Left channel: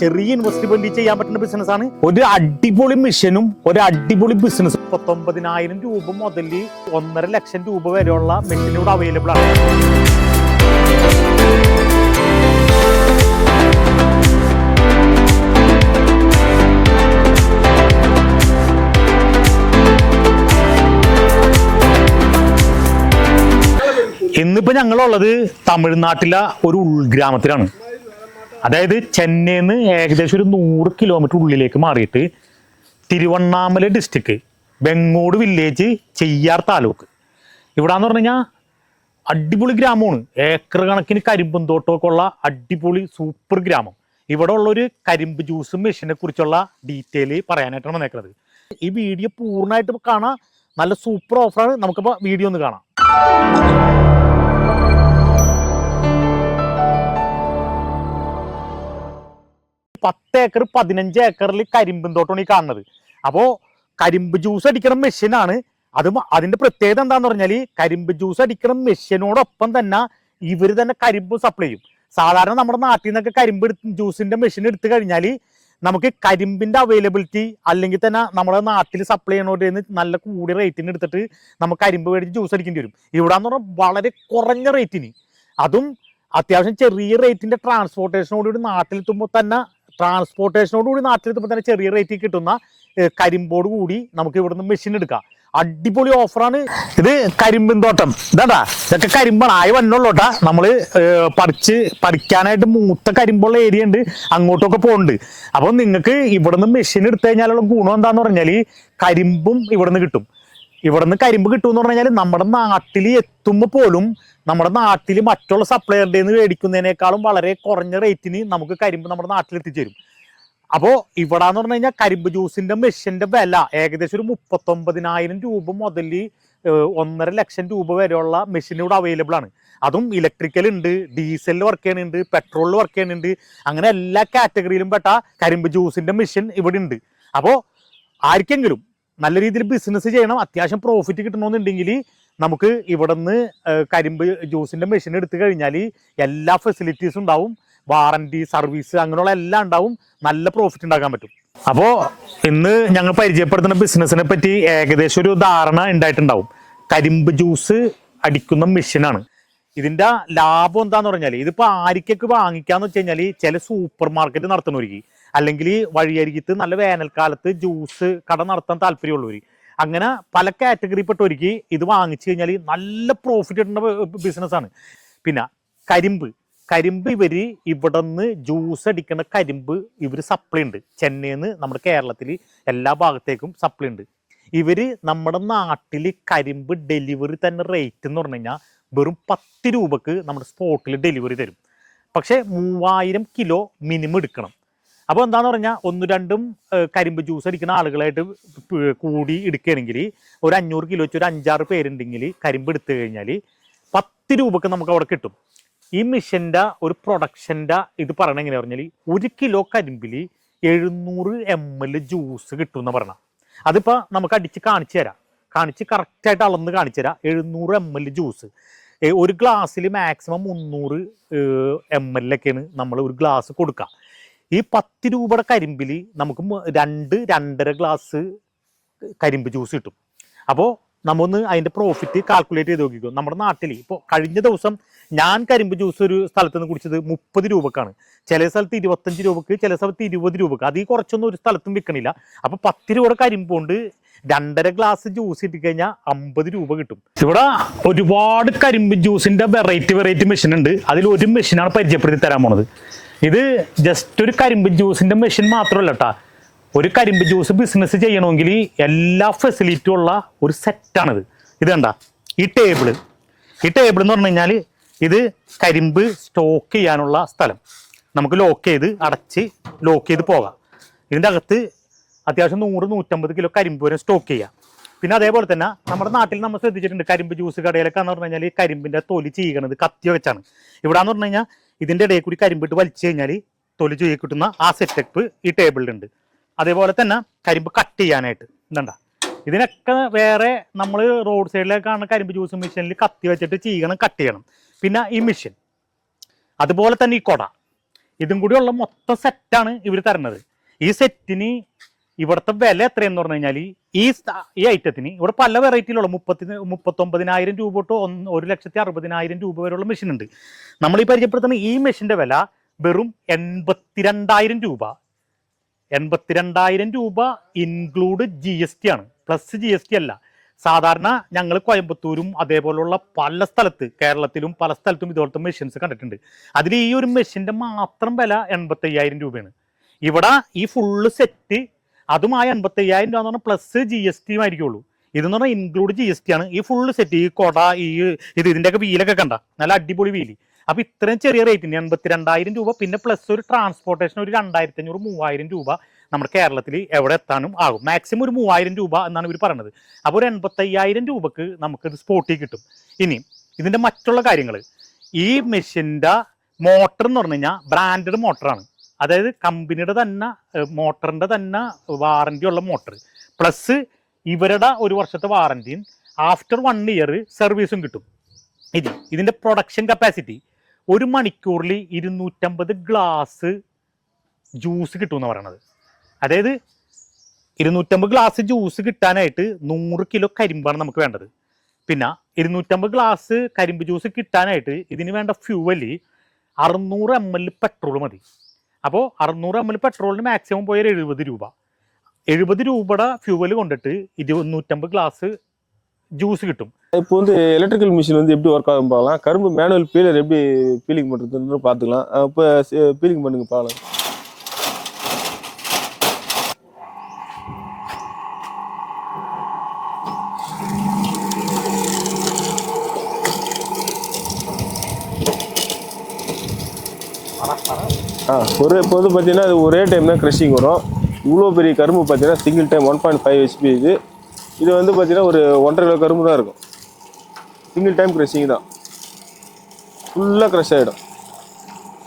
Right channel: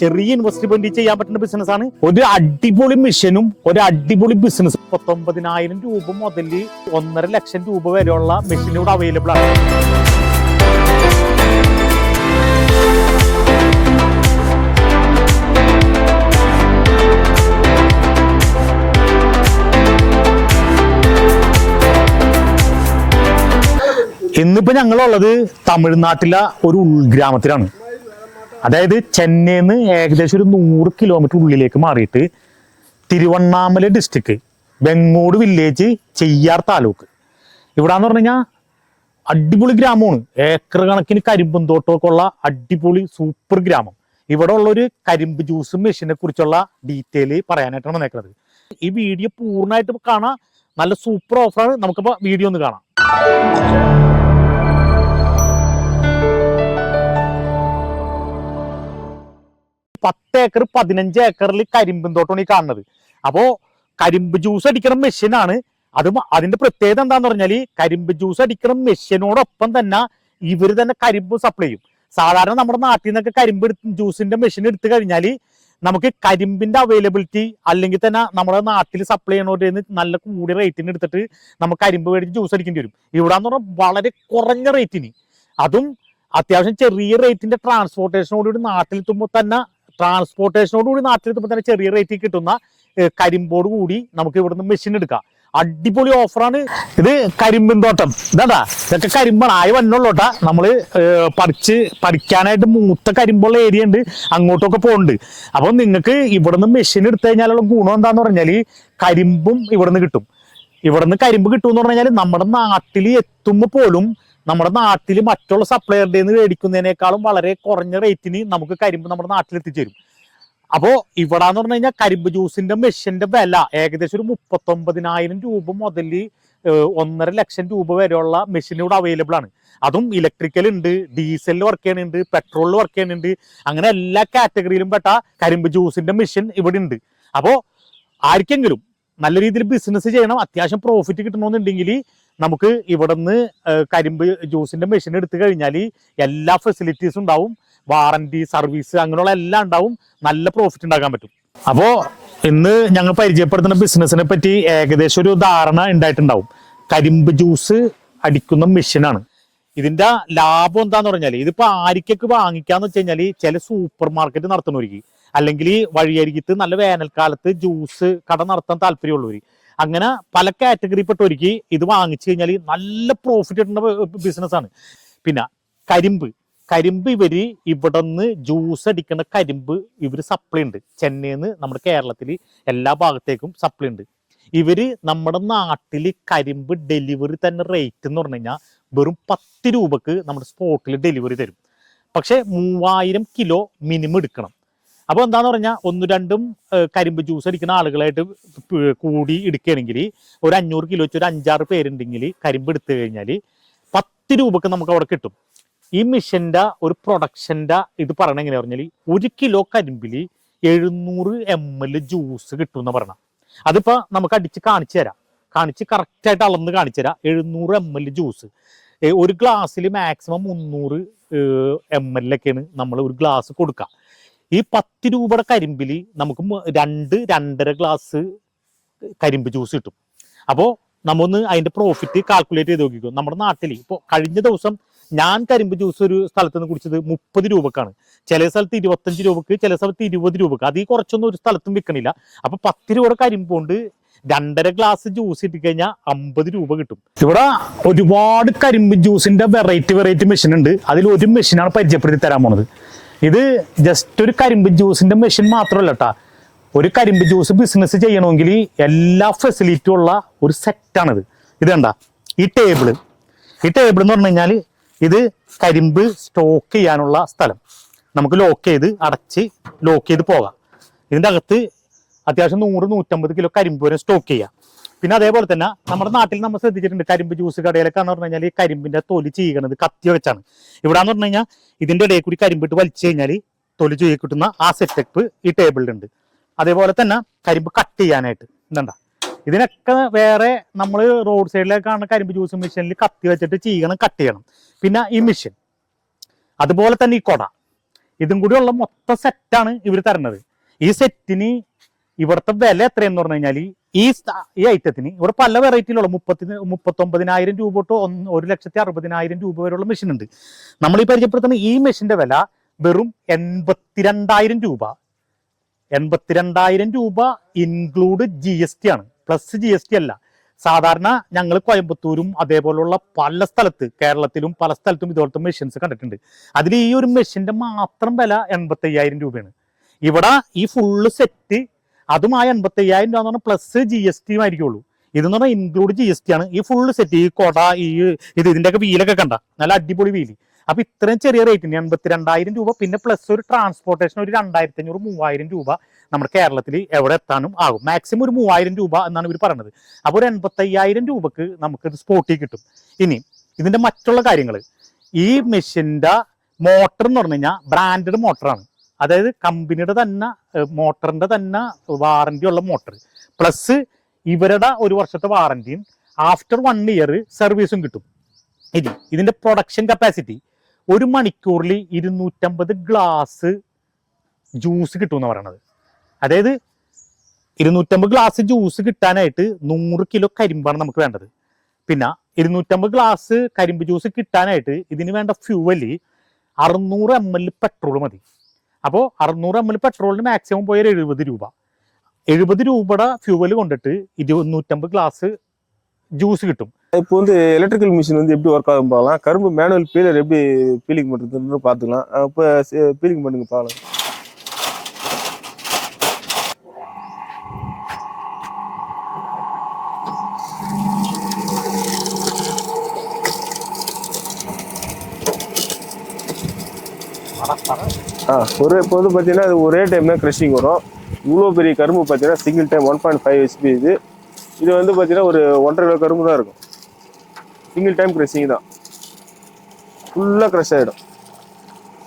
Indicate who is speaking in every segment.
Speaker 1: ചെറിയ ഇൻവെസ്റ്റ്മെന്റ് ചെയ്യാൻ പറ്റുന്ന ബിസിനസ് ആണ്. ഒരു അടിപൊളി മിഷനും ഒരു അടിപൊളി ബിസിനസ് പത്തൊമ്പതിനായിരം രൂപ മുതൽ ഒന്നര ലക്ഷം രൂപ വരെയുള്ള മെഷീൻ ഇവിടെ അവൈലബിൾ ആണ്. ഇന്നിപ്പോ ഞങ്ങളുള്ളത് തമിഴ്നാട്ടിലെ ഒരു ഉൾഗ്രാമത്തിലാണ്. അതായത് ചെന്നൈന്ന് ഏകദേശം ഒരു നൂറ് കിലോമീറ്റർ ഉള്ളിലേക്ക് മാറിയിട്ട് തിരുവണ്ണാമല ഡിസ്ട്രിക്ട് ബെങ്ങോട് വില്ലേജ് ചെയ്യാർ താലൂക്ക്. ഇവിടാന്ന് പറഞ്ഞു കഴിഞ്ഞാൽ അടിപൊളി ഗ്രാമമാണ്. ഏക്കർ കണക്കിന് കരിമ്പും തോട്ടമൊക്കെ ഉള്ള അടിപൊളി സൂപ്പർ ഗ്രാമം. ഇവിടെ ഉള്ളൊരു കരിമ്പ് ജ്യൂസും മെഷീനെ കുറിച്ചുള്ള ഡീറ്റെയിൽ പറയാനായിട്ടാണ് വന്നേക്കുന്നത് ഈ വീഡിയോ പൂർണമായിട്ട് കാണാം നല്ല സൂപ്പർ ഓഫറാണ് നമുക്കിപ്പോൾ വീഡിയോ ഒന്ന് കാണാം. പത്ത് ഏക്കർ പതിനഞ്ച് ഏക്കറിൽ കരിമ്പും തോട്ടമാണ് ഈ കാണുന്നത്. അപ്പോ കരിമ്പ് ജ്യൂസ് അടിക്കണ മെഷീനാണ് അത് അതിന്റെ പ്രത്യേകത എന്താന്ന് പറഞ്ഞാൽ കരിമ്പ് ജ്യൂസ് അടിക്കണ മെഷീനോടൊപ്പം തന്നെ ഇവർ തന്നെ കരിമ്പ് സപ്ലൈ ചെയ്യും. സാധാരണ നമ്മുടെ നാട്ടിൽ നിന്നൊക്കെ കരിമ്പ് ജ്യൂസിന്റെ മെഷീൻ എടുത്തു കഴിഞ്ഞാൽ നമുക്ക് കരിമ്പിന്റെ അവൈലബിലിറ്റി അല്ലെങ്കിൽ തന്നെ നമ്മുടെ നാട്ടിൽ സപ്ലൈ ചെയ്യണോട്ട് നല്ല കൂടിയ റേറ്റിന് എടുത്തിട്ട് നമുക്ക് കരിമ്പ് മേടിച്ച് ജ്യൂസ് അടിക്കേണ്ടി വരും. ഇവിടെ എന്ന് പറഞ്ഞാൽ വളരെ കുറഞ്ഞ റേറ്റിന് അതും അത്യാവശ്യം ചെറിയ റേറ്റിന്റെ ട്രാൻസ്പോർട്ടേഷനോടുകൂടി നാട്ടിലെത്തുമ്പോൾ തന്നെ ട്രാൻസ്പോർട്ടേഷനോടുകൂടി നാട്ടിലെത്തുമ്പോൾ തന്നെ ചെറിയ റേറ്റിൽ കിട്ടുന്ന കരിമ്പോട് കൂടി നമുക്ക് ഇവിടുന്ന് മെഷീൻ എടുക്കാം. അടിപൊളി ഓഫറാണ് ഇത് കരിമ്പിൻ തോട്ടം ഇതാണ്ടാ ഇതൊക്കെ കരിമ്പാണ്. ആയി വന്നുള്ളൂട്ടാ നമ്മൾ പറിച്ച് പറിക്കാനായിട്ട് മൂത്ത കരിമ്പുള്ള ഏരിയ ഉണ്ട്. അങ്ങോട്ടൊക്കെ പോകുന്നുണ്ട് അപ്പൊ നിങ്ങൾക്ക് ഇവിടുന്ന് മെഷീൻ എടുത്തു കഴിഞ്ഞാലുള്ള ഗുണം എന്താന്ന് പറഞ്ഞാൽ കരിമ്പും ഇവിടുന്ന് കിട്ടും. ഇവിടുന്ന് കരിമ്പ് കിട്ടും എന്ന് കഴിഞ്ഞാൽ നമ്മുടെ നാട്ടിൽ എത്തുമ്പോൾ പോലും നമ്മുടെ നാട്ടിൽ മറ്റുള്ള സപ്ലയറുടെ നിന്ന് മേടിക്കുന്നതിനേക്കാളും വളരെ കുറഞ്ഞ റേറ്റിന് നമുക്ക് കരിമ്പ് നമ്മുടെ നാട്ടിൽ എത്തിച്ചേരും. അപ്പോൾ ഇവിടെ എന്ന് പറഞ്ഞു കഴിഞ്ഞാൽ കരിമ്പ് ജ്യൂസിന്റെ മെഷീന്റെ വില ഏകദേശം ഒരു മുപ്പത്തൊമ്പതിനായിരം രൂപ മുതൽ ഒന്നര ലക്ഷം രൂപ വരെയുള്ള മെഷീൻ ഇവിടെ അവൈലബിൾ ആണ്. അതും ഇലക്ട്രിക്കൽ ഉണ്ട് ഡീസലിൽ വർക്ക് ചെയ്യണുണ്ട് പെട്രോളിൽ വർക്ക് ചെയ്യണുണ്ട് അങ്ങനെ എല്ലാ കാറ്റഗറിയിലും പെട്ട കരിമ്പ് ജ്യൂസിന്റെ മെഷീൻ ഇവിടെ ഉണ്ട്. അപ്പോൾ ആർക്കെങ്കിലും നല്ല രീതിയിൽ ബിസിനസ് ചെയ്യണം അത്യാവശ്യം പ്രോഫിറ്റ് കിട്ടണമെന്നുണ്ടെങ്കിൽ നമുക്ക് ഇവിടുന്ന് കരിമ്പ് ജ്യൂസിന്റെ മെഷീൻ എടുത്തു കഴിഞ്ഞാൽ എല്ലാ ഫെസിലിറ്റീസും ഉണ്ടാവും. വാറന്റി സർവീസ് അങ്ങനെയുള്ള എല്ലാം ഉണ്ടാവും. നല്ല പ്രോഫിറ്റ് ഉണ്ടാക്കാൻ പറ്റും. അപ്പോ ഇന്ന് ഞങ്ങൾ പരിചയപ്പെടുത്തുന്ന ബിസിനസിനെ പറ്റി ഏകദേശം ഒരു ധാരണ ഉണ്ടായിട്ടുണ്ടാവും. കരിമ്പ് ജ്യൂസ് അടിക്കുന്ന മെഷീനാണ് ഇതിന്റെ ലാഭം എന്താന്ന് പറഞ്ഞാൽ ഇതിപ്പോ ആരിക്കൊക്കെ വാങ്ങിക്കാന്ന് വെച്ച് കഴിഞ്ഞാൽ ചില സൂപ്പർ മാർക്കറ്റ് നടത്തുന്നവർക്ക് അല്ലെങ്കിൽ വഴിയരികത്ത് നല്ല വേനൽക്കാലത്ത് ജ്യൂസ് കട നടത്താൻ താല്പര്യമുള്ളവർ അങ്ങനെ പല കാറ്റഗറിപ്പെട്ടവർക്ക് ഇത് വാങ്ങിച്ചു കഴിഞ്ഞാൽ നല്ല പ്രോഫിറ്റ് കിട്ടുന്ന ബിസിനസ്സാണ് പിന്നെ കരിമ്പ്. കരിമ്പ് ഇവർ ഇവിടെ നിന്ന് ജ്യൂസ് അടിക്കുന്ന കരിമ്പ് ഇവർ സപ്ലൈ ഉണ്ട്. ചെന്നൈയിൽ നിന്ന് നമ്മുടെ കേരളത്തിൽ എല്ലാ ഭാഗത്തേക്കും സപ്ലൈ ഉണ്ട്. ഇവർ നമ്മുടെ നാട്ടിൽ കരിമ്പ് ഡെലിവറി തന്നെ റേറ്റ് എന്ന് പറഞ്ഞു കഴിഞ്ഞാൽ വെറും പത്ത് രൂപക്ക് നമ്മുടെ സ്പോട്ടിൽ ഡെലിവറി തരും. പക്ഷെ മൂവായിരം കിലോ മിനിമം എടുക്കണം. അപ്പൊ എന്താന്ന് പറഞ്ഞാൽ ഒന്ന് രണ്ടും കരിമ്പ് ജ്യൂസ് അടിക്കുന്ന ആളുകളായിട്ട് കൂടി എടുക്കുകയാണെങ്കിൽ ഒരു അഞ്ഞൂറ് കിലോ വെച്ച് ഒരു അഞ്ചാറ് പേരുണ്ടെങ്കിൽ കരിമ്പ് എടുത്തു കഴിഞ്ഞാൽ പത്ത് രൂപക്ക് നമുക്ക് അവിടെ കിട്ടും. ഈ മിഷന്റെ ഒരു പ്രൊഡക്ഷന്റെ ഇത് പറയണ എങ്ങനെയാ പറഞ്ഞാൽ ഒരു കിലോ കരിമ്പിൽ എഴുന്നൂറ് എം എൽ ജ്യൂസ് കിട്ടും എന്ന് പറഞ്ഞാൽ അതിപ്പോ നമുക്ക് അടിച്ച് കാണിച്ചു തരാം. കാണിച്ച് കറക്റ്റായിട്ട് അളന്ന് കാണിച്ചു തരാം. എഴുന്നൂറ് എം എൽ ജ്യൂസ് ഒരു ഗ്ലാസ്സിൽ മാക്സിമം മുന്നൂറ് എം എൽ ഒക്കെയാണ് നമ്മൾ ഒരു ഗ്ലാസ് കൊടുക്കുക ഈ പത്ത് രൂപയുടെ കരിമ്പിൽ നമുക്ക് രണ്ട് രണ്ടര ഗ്ലാസ് കരിമ്പ് ജ്യൂസ് കിട്ടും. അപ്പോൾ നമ്മൊന്ന് അതിന്റെ പ്രോഫിറ്റ് കാൽക്കുലേറ്റ് ചെയ്ത് നോക്കിക്കോ. നമ്മുടെ നാട്ടിൽ ഇപ്പോൾ കഴിഞ്ഞ ദിവസം ഞാൻ കരിമ്പ് ജ്യൂസ് ഒരു സ്ഥലത്ത് നിന്ന് കുടിച്ചത് മുപ്പത് രൂപക്കാണ്. ചില സ്ഥലത്ത് ഇരുപത്തഞ്ച് രൂപക്ക് ചില സ്ഥലത്ത് ഇരുപത് രൂപക്ക്. അതിൽ കുറച്ചൊന്നും ഒരു സ്ഥലത്തും വിൽക്കണില്ല. അപ്പൊ പത്ത് രൂപയുടെ കരിമ്പ് കൊണ്ട് രണ്ടര ഗ്ലാസ് ജ്യൂസ് കിട്ടിക്കഴിഞ്ഞാൽ അമ്പത് രൂപ കിട്ടും. ഇവിടെ ഒരുപാട് കരിമ്പ് ജ്യൂസിന്റെ വെറൈറ്റി വെറൈറ്റി മെഷീൻ ഉണ്ട്. അതിൽ ഒരു മെഷീനാണ് പരിചയപ്പെടുത്തി തരാൻ പോണത്. ഇത് ജസ്റ്റ് ഒരു കരിമ്പ് ജ്യൂസിന്റെ മെഷീൻ മാത്രമല്ല കേട്ടാ ഒരു കരിമ്പ് ജ്യൂസ് ബിസിനസ് ചെയ്യണമെങ്കിൽ എല്ലാ ഫെസിലിറ്റിയും ഉള്ള ഒരു സെറ്റാണിത് ഇത് കണ്ട ഈ ടേബിൾ ഈ ടേബിൾ എന്ന് പറഞ്ഞു കഴിഞ്ഞാൽ ഇത് കരിമ്പ് സ്റ്റോക്ക് ചെയ്യാനുള്ള സ്ഥലം. നമുക്ക് ലോക്ക് ചെയ്ത് അടച്ച് ലോക്ക് ചെയ്ത് പോകാം. ഇതിന്റെ അകത്ത് അത്യാവശ്യം നൂറ് നൂറ്റമ്പത് കിലോ കരിമ്പ് വരെ സ്റ്റോക്ക് ചെയ്യാം. പിന്നെ അതേപോലെ തന്നെ നമ്മുടെ നാട്ടിൽ നമ്മൾ ശ്രദ്ധിച്ചിട്ടുണ്ട് കരിമ്പ് ജ്യൂസ് കടയിലൊക്കെ എന്ന് പറഞ്ഞു കഴിഞ്ഞാൽ ഈ കരിമ്പിന്റെ തൊലി ചെയ്യണത് കത്തി വെച്ചാണ്. ഇവിടെ എന്ന് പറഞ്ഞു കഴിഞ്ഞാൽ ഇതിന്റെ ഇടയിൽ കൂടി കരിമ്പിട്ട് വലിച്ചു കഴിഞ്ഞാൽ തൊലി ചെയ്യ കിട്ടുന്ന ആ സെറ്റപ്പ് ഈ ടേബിളിലുണ്ട് അതേപോലെ തന്നെ കരിമ്പ് കട്ട് ചെയ്യാനായിട്ട്. എന്താ ഇതിനൊക്കെ വേറെ നമ്മൾ റോഡ് സൈഡിലൊക്കെ കാണുന്ന കരിമ്പ് ജ്യൂസ് മെഷീനിൽ കത്തി വെച്ചിട്ട് ചെയ്യണം കട്ട് ചെയ്യണം. പിന്നെ ഈ മെഷീൻ അതുപോലെ തന്നെ ഈ കൊട. ഇതും കൂടി ഉള്ള മൊത്തം സെറ്റാണ് ഇവർ തരുന്നത്. ഈ സെറ്റിന് ഇവിടുത്തെ വില എത്രയെന്ന് പറഞ്ഞു കഴിഞ്ഞാൽ ഈ ഈ ഐറ്റത്തിന് ഇവിടെ പല വെറൈറ്റിയിലുള്ള മുപ്പത്തി മുപ്പത്തൊമ്പതിനായിരം രൂപ തൊട്ട് ഒരു ലക്ഷത്തി അറുപതിനായിരം രൂപ വരെയുള്ള മെഷീൻ ഉണ്ട്. നമ്മൾ ഈ പരിചയപ്പെടുത്തുന്ന ഈ മെഷീന്റെ വില വെറും എൺപത്തിരണ്ടായിരം രൂപ. എൺപത്തിരണ്ടായിരം രൂപ ഇൻക്ലൂഡ് ജി എസ് ടി ആണ്. പ്ലസ് ജി എസ് ടി അല്ല. സാധാരണ ഞങ്ങൾ കോയമ്പത്തൂരും അതേപോലുള്ള പല സ്ഥലത്ത് കേരളത്തിലും പല സ്ഥലത്തും ഇതുപോലത്തെ മെഷീൻസ് കണ്ടിട്ടുണ്ട്. അതിൽ ഈ ഒരു മെഷീന്റെ മാത്രം വില എൺപത്തി രൂപയാണ്. ഇവിടെ ഈ ഫുള്ള് സെറ്റ് അതുമായി എൺപത്തി അയ്യായിരം രൂപ എന്ന് പറഞ്ഞാൽ പ്ലസ് ജി എസ് ടിയും ആയിരിക്കുള്ളൂ. ഇതെന്ന് പറഞ്ഞാൽ ഇൻക്ലൂഡ് ജി എസ് ടി ആണ്. ഈ ഫുള്ള് സെറ്റ് ഈ കൊട ഈ ഇത് ഇതിന്റെയൊക്കെ വീലൊക്കെ കണ്ട. നല്ല അടിപൊളി വീൽ. അപ്പൊ ഇത്രയും ചെറിയ റേറ്റിന് എൺപത്തിരണ്ടായിരം രൂപ. പിന്നെ പ്ലസ് ഒരു ട്രാൻസ്പോർട്ടേഷൻ ഒരു രണ്ടായിരത്തി അഞ്ഞൂറ് മൂവായിരം രൂപ നമ്മുടെ കേരളത്തിൽ എവിടെ എത്താനും ആകും. മാക്സിമം ഒരു മൂവായിരം രൂപ എന്നാണ് ഇവർ പറഞ്ഞത് അപ്പോൾ ഒരു എൺപത്തയ്യായിരം രൂപക്ക് ഇത് സ്പോട്ടിൽ കിട്ടും. ഇനി ഇതിന്റെ മറ്റുള്ള കാര്യങ്ങൾ ഈ മെഷീന്റെ മോട്ടർ എന്ന് പറഞ്ഞു കഴിഞ്ഞാൽ ബ്രാൻഡഡ് മോട്ടറാണ് അതായത് കമ്പനിയുടെ തന്നെ മോട്ടറിന്റെ തന്നെ വാറണ്ടി ഉള്ള മോട്ടർ പ്ലസ് ഇവരുടെ ഒരു വർഷത്തെ വാറന്റിയും ആഫ്റ്റർ വൺ ഇയർ സർവീസും കിട്ടും. ഇത് ഇതിന്റെ പ്രൊഡക്ഷൻ കപ്പാസിറ്റി ഒരു മണിക്കൂറിൽ ഇരുന്നൂറ്റമ്പത് ഗ്ലാസ് ജ്യൂസ് കിട്ടും എന്ന് പറയണത്. അതായത് ഇരുന്നൂറ്റമ്പത് ഗ്ലാസ് ജ്യൂസ് കിട്ടാനായിട്ട് നൂറ് കിലോ കരിമ്പാണ് നമുക്ക് വേണ്ടത്. പിന്നെ ഇരുന്നൂറ്റമ്പത് ഗ്ലാസ് കരിമ്പ് ജ്യൂസ് കിട്ടാനായിട്ട് ഇതിന് വേണ്ട ഫ്യൂവൽ അറുന്നൂറ് എം എൽ പെട്രോൾ മതി. അപ്പോൾ അറുന്നൂറ് എം എൽ പെട്രോളിന് മാക്സിമം പോയാൽ എഴുപത് രൂപ എഴുപത് രൂപയുടെ ഫ്യൂവല് കൊണ്ടിട്ട് ഇരുന്നൂറ്റമ്പത് ഗ്ലാസ് ജ്യൂസ് കിട്ടും
Speaker 2: இப்போ வந்து எலக்ட்ரிக்கல் மிஷின் வந்து எப்படி ஒர்க் ஆகும் பார்க்கலாம் கரும்பு மேனுவல் பீலர் எப்படி பீலிங் பண்ணுறதுன்னு பார்த்துக்கலாம் இப்போ பீலிங் பண்ணுங்க பார்க்கலாம் ஆ ஒரு இப்போ வந்து பார்த்தீங்கன்னா அது ஒரே டைம் தான் க்ரஷிங் வரும். இவ்வளோ பெரிய கரும்பு பார்த்தீங்கன்னா single time one point five HP இது. இது வந்து பார்த்தீங்கன்னா ஒரு ஒன்றரை கிலோ கரும்பு தான் இருக்கும். சிங்கிள் டைம் க்ரஷிங் தான். ஃபுல்லாக க்ரஷ் ஆகிடும்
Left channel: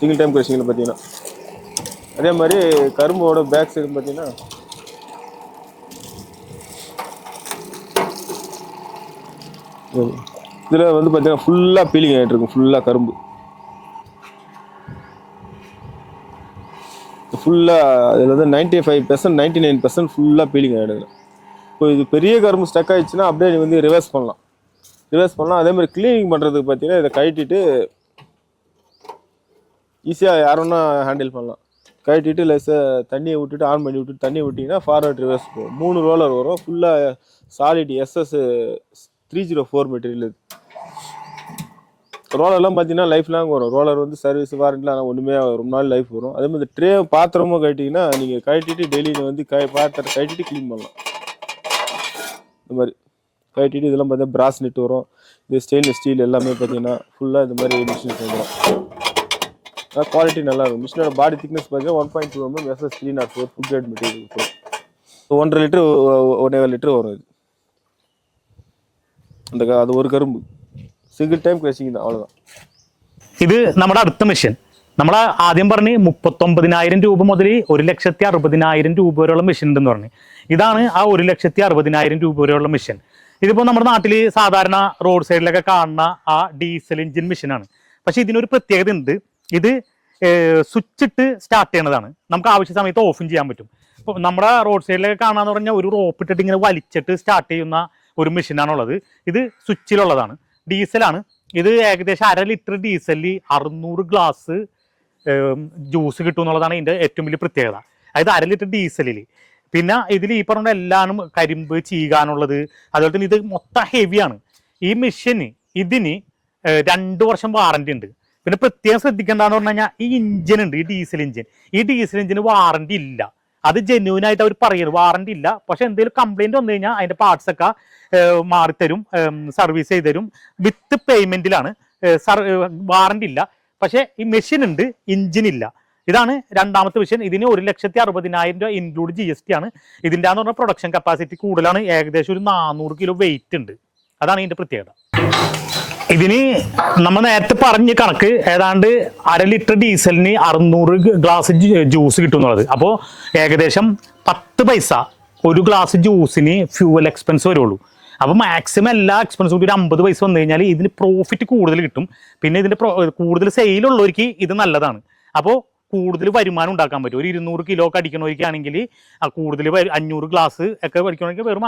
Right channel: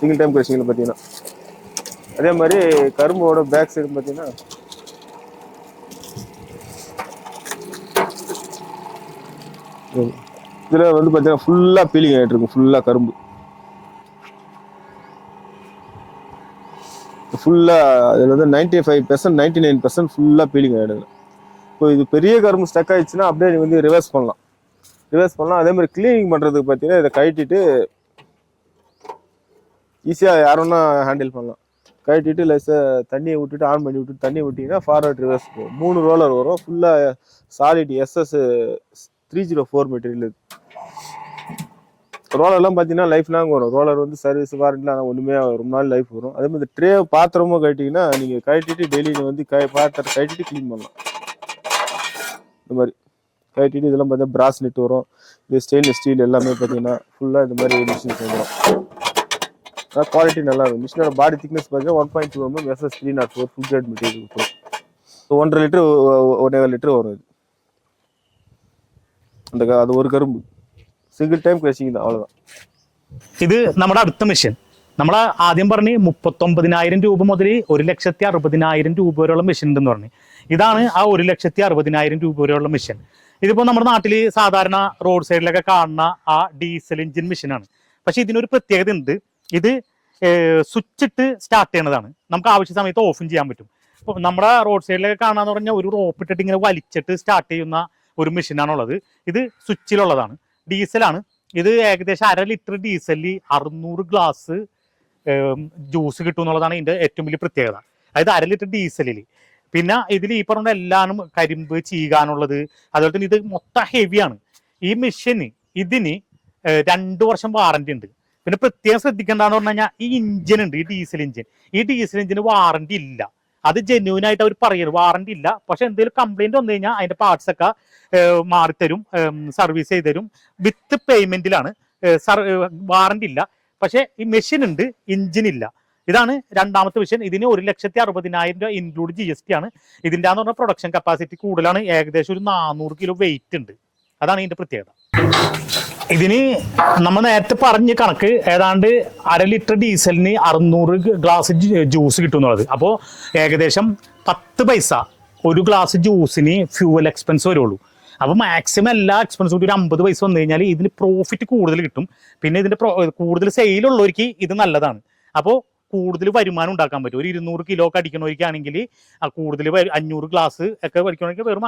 Speaker 2: சிங்கிள் டைம் க்ரஷிங்கில் பார்த்தீங்கன்னா. அதே மாதிரி கரும்போட பேக் சைடு பார்த்தீங்கன்னா இதில் வந்து பார்த்தீங்கன்னா ஃபுல்லாக பீலிங் ஆகிட்டு இருக்கும். ஃபுல்லாக கரும்பு. ஃபுல்லாக அதில் வந்து ninety five percent ninety nine percent ஃபுல்லாக பீலிங் ஆகிடுது இப்போ இது பெரிய கரும்பு ஸ்டக் ஆகிடுச்சுன்னா அப்படியே நீ வந்து ரிவர்ஸ் பண்ணலாம். ரிவர்ஸ் பண்ணலாம். அதே மாதிரி க்ளீனிங் பண்ணுறதுக்கு பார்த்தீங்கன்னா இதை கழட்டிட்டு ஈஸியாக யாருன்னா ஹேண்டில் பண்ணலாம். கழட்டிட்டு லைஸாக தண்ணியை விட்டுட்டு ஆன் பண்ணி விட்டுட்டு தண்ணியை விட்டிங்கன்னா ஃபார்வர்ட் ரிவர்ஸ் போகும். மூணு ரோலர் வரும். ஃபுல்லாக solid SS three zero four material ரோலர்லாம் பார்த்தீங்கன்னா லைஃப் லாங் வரும். ரோலர் வந்து சர்வீஸ் வாரண்ட்லாம் ஒன்றுமே ரொம்ப நாள் லைஃப் வரும். அதே மாதிரி ட்ரே பாத்திரமும் கட்டிங்கன்னா நீங்கள் கழட்டிட்டு டெய்லியில் வந்து கை பாத்திரம் கழட்டிட்டு க்ளீன் பண்ணலாம். இந்த மாதிரி கழட்டிட்டு இதெல்லாம் பார்த்தீங்கன்னா பிராஸ் நெட் வரும். இது ஸ்டெயின்லெஸ் ஸ்டீல் எல்லாமே பார்த்தீங்கன்னா ஃபுல்லாக இந்த மாதிரி மிஷின்ஸ் வரும். ஆனால் குவாலிட்டி நல்லா இருக்கும். மிஷினோட பாடி திக்னஸ் பார்த்தீங்கன்னா one point two MM SS three not four food grade material இருக்கும் ஒன்றரை லிட்டர் ஒன்றே லிட்டர் வரும் இது. அந்த அது ஒரு கரும்பு. സിംഗിൾ ടൈം ക്രഷിംഗ് தான் அவ்வளோதான்
Speaker 1: ഇത് നമ്മുടെ അടുത്ത മെഷീൻ നമ്മൾ ആദ്യം പറഞ്ഞ് മുപ്പത്തൊമ്പതിനായിരം രൂപ മുതൽ ഒരു ലക്ഷത്തി അറുപതിനായിരം രൂപ വരെയുള്ള മെഷീൻ ഉണ്ടെന്ന് പറഞ്ഞു ഇതാണ് ആ ഒരു ലക്ഷത്തി അറുപതിനായിരം രൂപ വരെയുള്ള മെഷീൻ ഇതിപ്പോ നമ്മുടെ നാട്ടിൽ സാധാരണ റോഡ് സൈഡിലൊക്കെ കാണുന്ന ആ ഡീസൽ എഞ്ചിൻ മെഷീനാണ് പക്ഷെ ഇതിനൊരു പ്രത്യേകത ഉണ്ട് ഇത് സ്വിച്ച് ഇട്ട് സ്റ്റാർട്ട് ചെയ്യണതാണ് നമുക്ക് ആവശ്യ സമയത്ത് ഓഫും ചെയ്യാൻ പറ്റും ഇപ്പൊ നമ്മുടെ റോഡ് സൈഡിലൊക്കെ കാണാന്ന് പറഞ്ഞാൽ ഒരു റോപ്പ് ഇട്ടിട്ട് ഇങ്ങനെ വലിച്ചിട്ട് സ്റ്റാർട്ട് ചെയ്യുന്ന ഒരു മെഷീനാണുള്ളത് ഇത് സ്വിച്ചിലുള്ളതാണ് ഡീസലാണ്. ഇത് ഏകദേശം അര ലിറ്റർ ഡീസലിൽ അറുന്നൂറ് ഗ്ലാസ് ജ്യൂസ് കിട്ടും എന്നുള്ളതാണ് ഇതിന്റെ ഏറ്റവും വലിയ പ്രത്യേകത. അതായത് അര ലിറ്റർ ഡീസലിൽ പിന്നെ ഇതിൽ ഈ പറഞ്ഞ എല്ലാനും കരിമ്പ് ചീകാനുള്ളത് അതുപോലെ തന്നെ ഇത് മൊത്തം ഹെവിയാണ്. ഈ മെഷീന് ഇതിന് രണ്ട് വർഷം വാറണ്ടി ഉണ്ട്. പിന്നെ പ്രത്യേകം ശ്രദ്ധിക്കേണ്ടതെന്ന് പറഞ്ഞു കഴിഞ്ഞാൽ ഈ ഇഞ്ചിൻ ഉണ്ട് ഈ ഡീസൽ ഇഞ്ചിൻ ഈ ഡീസൽ ഇഞ്ചിന് വാറണ്ടി ഇല്ല. അത് ജെന്യൂൻ ആയിട്ട് അവർ പറയുന്നു. വാറണ്ടി ഇല്ല. പക്ഷെ എന്തെങ്കിലും കംപ്ലൈന്റ് വന്നു കഴിഞ്ഞാൽ അതിന്റെ പാർട്സ് ഒക്കെ മാറിത്തരും സർവീസ് ചെയ്ത് തരും. വിത്ത് പേയ്മെന്റിലാണ് വാറണ്ടി ഇല്ല. പക്ഷെ ഈ മെഷീൻ ഉണ്ട് എഞ്ചിൻ ഇല്ല. ഇതാണ് രണ്ടാമത്തെ മെഷീൻ ഇതിന് ഒരു ലക്ഷത്തി അറുപതിനായിരം രൂപ ഇൻക്ലൂഡ് ജി എസ് ടി ആണ്. ഇതിന്റെ എന്ന് പറഞ്ഞാൽ പ്രൊഡക്ഷൻ കപ്പാസിറ്റി കൂടുതലാണ്. ഏകദേശം ഒരു നാനൂറ് കിലോ വെയിറ്റ് ഉണ്ട്. അതാണ് ഇതിന്റെ പ്രത്യേകത. ഇതിന് നമ്മൾ നേരത്തെ പറഞ്ഞ കണക്ക് ഏതാണ്ട് അര ലിറ്റർ ഡീസലിന് അറുന്നൂറ് ഗ്ലാസ് ജ്യൂസ് കിട്ടും എന്നുള്ളത്. അപ്പോൾ ഏകദേശം പത്ത് പൈസ ഒരു ഗ്ലാസ് ജ്യൂസിന് ഫ്യൂവൽ എക്സ്പെൻസ് വരുള്ളൂ. അപ്പോൾ മാക്സിമം എല്ലാ എക്സ്പെൻസും കൂടി ഒരു അമ്പത് പൈസ വന്നു കഴിഞ്ഞാൽ ഇതിന് പ്രോഫിറ്റ് കൂടുതൽ കിട്ടും. പിന്നെ pro- കൂടുതൽ സെയിലുള്ളവർക്ക് ഇത് നല്ലതാണ്. അപ്പോൾ കൂടുതൽ വരുമാനം ഉണ്ടാക്കാൻ പറ്റും. ഒരു ഇരുന്നൂറ് കിലോ ഒക്കെ അടിക്കണമെങ്കിൽ ആ കൂടുതൽ അഞ്ഞൂറ് ഗ്ലാസ് ഒക്കെ അടിക്കണമെങ്കിൽ വെറും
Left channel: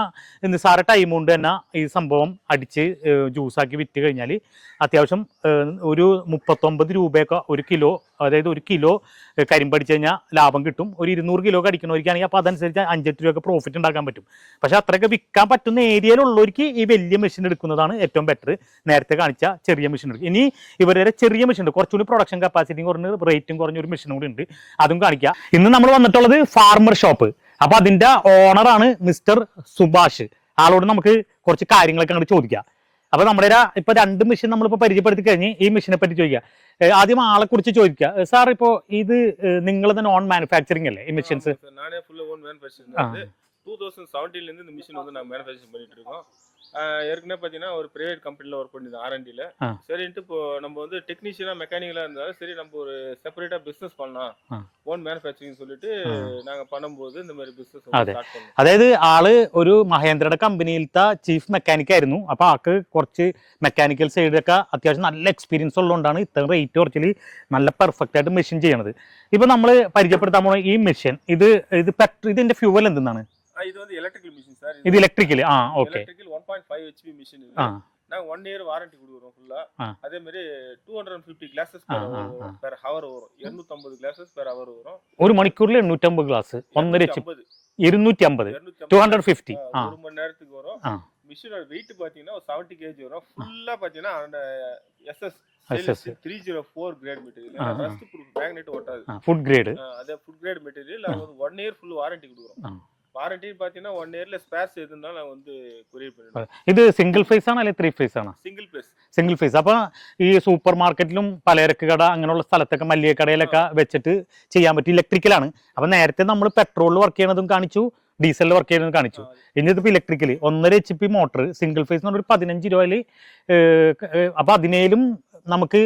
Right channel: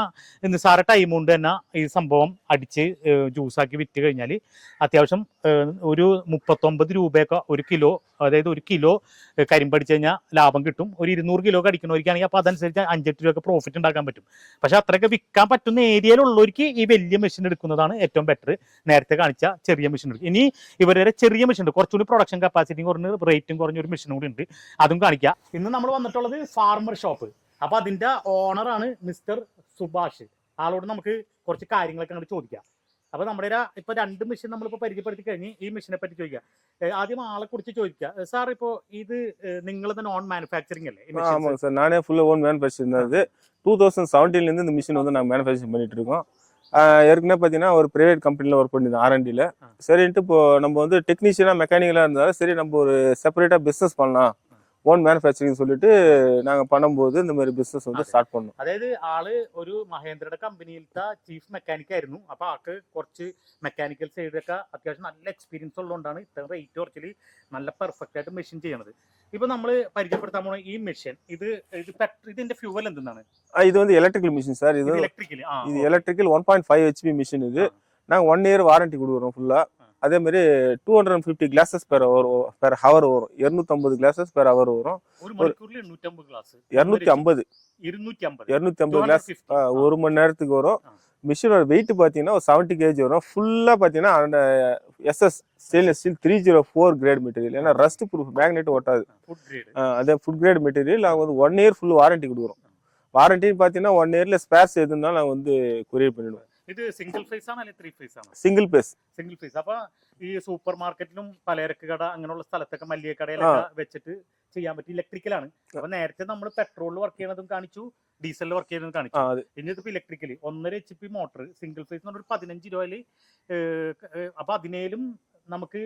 Speaker 1: നിസ്സാര ടൈം കൊണ്ട് തന്നെ ഈ സംഭവം അടിച്ച് ജ്യൂസാക്കി വിറ്റ് കഴിഞ്ഞാൽ അത്യാവശ്യം ഒരു മുപ്പത്തൊമ്പത് രൂപയൊക്കെ ഒരു കിലോ അതായത് ഒരു കിലോ കരിമ്പ് അടിച്ചു കഴിഞ്ഞാൽ ലാഭം കിട്ടും. ഒരു ഇരുന്നൂറ് കിലോ അടിക്കണവർക്കാണെങ്കിൽ അപ്പോൾ അതനുസരിച്ച് അഞ്ചെട്ട് രൂപയൊക്കെ പ്രോഫിറ്റ് ഉണ്ടാക്കാൻ പറ്റും. പക്ഷെ അത്രയൊക്കെ വിൽക്കാൻ പറ്റുന്ന ഏരിയയിലുള്ളവർക്ക് ഈ വലിയ മെഷീൻ എടുക്കുന്നതാണ് ഏറ്റവും ബെറ്റർ നേരത്തെ കാണിച്ച ചെറിയ മെഷീൻ എടുക്കും ഇനി ഇവരുടെ ചെറിയ മെഷീൻ ഉണ്ട്. കുറച്ചുകൂടി പ്രൊഡക്ഷൻ കപ്പാസിറ്റിയും കുറഞ്ഞ റേറ്റും കുറഞ്ഞ ഒരു മെഷീൻ കൂടി ഉണ്ട്. അതും കാണിക്കാം. ഇന്ന് നമ്മൾ വന്നിട്ടുള്ളത് ഫാർമർ ഷോപ്പ് അപ്പൊ അതിന്റെ ഓണറാണ് മിസ്റ്റർ സുഭാഷ്. ആളോട് നമുക്ക് കുറച്ച് കാര്യങ്ങളൊക്കെ അങ്ങോട്ട് ചോദിക്കാം. അപ്പൊ നമ്മുടെ ഇപ്പൊ രണ്ട് മെഷീൻ നമ്മളിപ്പോ പരിചയപ്പെടുത്തി കഴിഞ്ഞ് ഈ മെഷീനെ പറ്റി ചോദിക്കാം. ആദ്യം ആളെ കുറിച്ച് ചോദിക്കുക സാർ ഇപ്പോ ഇത് നിങ്ങൾ തന്നെ ഓൺ മാനുഫാക്ചറിങ് അല്ലേ ഈ മെഷീൻസ്
Speaker 2: ஆமாங்க சார் நானே ஃபுல்லா ஓன் மேனுஃபேக்சரிங் தான் இது டூ தௌசண்ட் செவன்டீன்லேருந்து இந்த மிஷின் வந்து நாங்கள் மேனுஃபேக்சரிங் பண்ணிட்டு இருக்கோம் ஆஹ் ஏற்கனவே பார்த்தீங்கன்னா ஒரு பிரைவேட் கம்பெனியில் ஒர்க் பண்ணியிருந்தோம் ஆர்என்டியில்
Speaker 1: ஆ.
Speaker 2: சரின்ட்டு இப்போ நம்ம வந்து டெக்னீஷியனாக மெக்கானிக்கலாக இருந்தாலும் சரி நம்ம ஒரு செப்பரேட்டாக பிஸ்னஸ் பண்ணலாம்
Speaker 1: ஆ.
Speaker 2: ஓன் மேனுஃபேக்சரிங் சொல்லிட்டு நாங்கள் பண்ணும்போது இந்த மாதிரி பிஸ்னஸ் வந்து
Speaker 1: അതെ.
Speaker 2: ஸ்டார்ட் பண்ணோம்
Speaker 1: അതായത് ആള് ഒരു മഹേന്ദ്രയുടെ കമ്പനിയിലത്തെ ചീഫ് മെക്കാനിക് ആയിരുന്നു അപ്പൊ ആൾക്ക് കുറച്ച് മെക്കാനിക്കൽ സൈഡൊക്കെ അത്യാവശ്യം നല്ല എക്സ്പീരിയൻസ് ഉള്ളതുകൊണ്ടാണ് ഇത്രയും റേറ്റ് കുറച്ചിൽ നല്ല പെർഫെക്റ്റ് ആയിട്ട് മെഷീൻ ചെയ്യണത് ഇപ്പൊ നമ്മൾ പരിചയപ്പെടുത്താൻ പോണ ഈ മെഷീൻ ഇത് ഇത് പെട്രോൾ ഇതിന്റെ ഫ്യൂവൽ എന്തെന്നാണ്
Speaker 2: ஆ, இது வந்து எலக்ட்ரிக்கல் மிஷின் சார் இது
Speaker 1: electrical
Speaker 2: electrical one point five HP machine இது. நாங்க ஒன் இயர் வாரண்டி கொடுக்குறோம்
Speaker 1: ஃபுல்லா
Speaker 2: அதே மாதிரி two hundred and fifty
Speaker 1: glasses
Speaker 2: per
Speaker 1: hour வரும்.
Speaker 2: பெர் ஹவர் வரும். இருநூத்தி கிளாஸஸ் பெர் ஹவர் வரும்.
Speaker 1: ஒரு மணிக்கூர்ல நூற்றம்பது கிளாஸ்
Speaker 2: இருநூத்தி ஐம்பது இருநூத்தி ஐம்பது இருநூத்தி ஒரு மணி நேரத்துக்கு வரும். மிஷினோட வெயிட் பாத்தீங்கன்னா ஒரு செவன்டி கேஜி வரும். ஃபுல்லா பாத்தீங்கன்னா SS stainless steel three zero four grade material ஏன்னா ரஸ்ட் ப்ரூஃப் மேக்னெட்
Speaker 1: ஓட்டாது. ஃபுட்
Speaker 2: கிரேடு அதே ஃபுட் கிரேட் மெட்டீரியல் அவங்க வந்து ஒன் இயர் ஃபுல் வாரண்டி கொடுக்குறோம். வாரண்டின்னு பார்த்தீங்கன்னா ஒன் இயர்ல ஸ்பேர்ஸ் எது இருந்தாலும் நாங்கள் வந்து கொரியர் பண்ணிடுவோம்
Speaker 1: ഇത് സിംഗിൾ ഫേസ് ആണ് അല്ലെങ്കിൽ ത്രീ ഫേസ് ആണ്
Speaker 2: സിംഗിൾ പേസ്
Speaker 1: സിംഗിൾ ഫേസ് അപ്പൊ ഈ സൂപ്പർ മാർക്കറ്റിലും പലചരക്ക് കട അങ്ങനെയുള്ള സ്ഥലത്തൊക്കെ മല്ലിക കടയിലൊക്കെ വെച്ചിട്ട് ചെയ്യാൻ പറ്റും ഇലക്ട്രിക്കലാണ് അപ്പൊ നേരത്തെ നമ്മൾ പെട്രോളിൽ വർക്ക് ചെയ്യണതും കാണിച്ചു ഡീസലിൽ വർക്ക് ചെയ്യുന്നതും കാണിച്ചു
Speaker 2: அது
Speaker 1: ഇനി ഇതിപ്പോ ഇലക്ട്രിക്കലി ഒന്നര H P motor single phase എന്ന് പറഞ്ഞ ഒരു പതിനഞ്ച് രൂപയില് അപ്പൊ അതിനേലും നമുക്ക്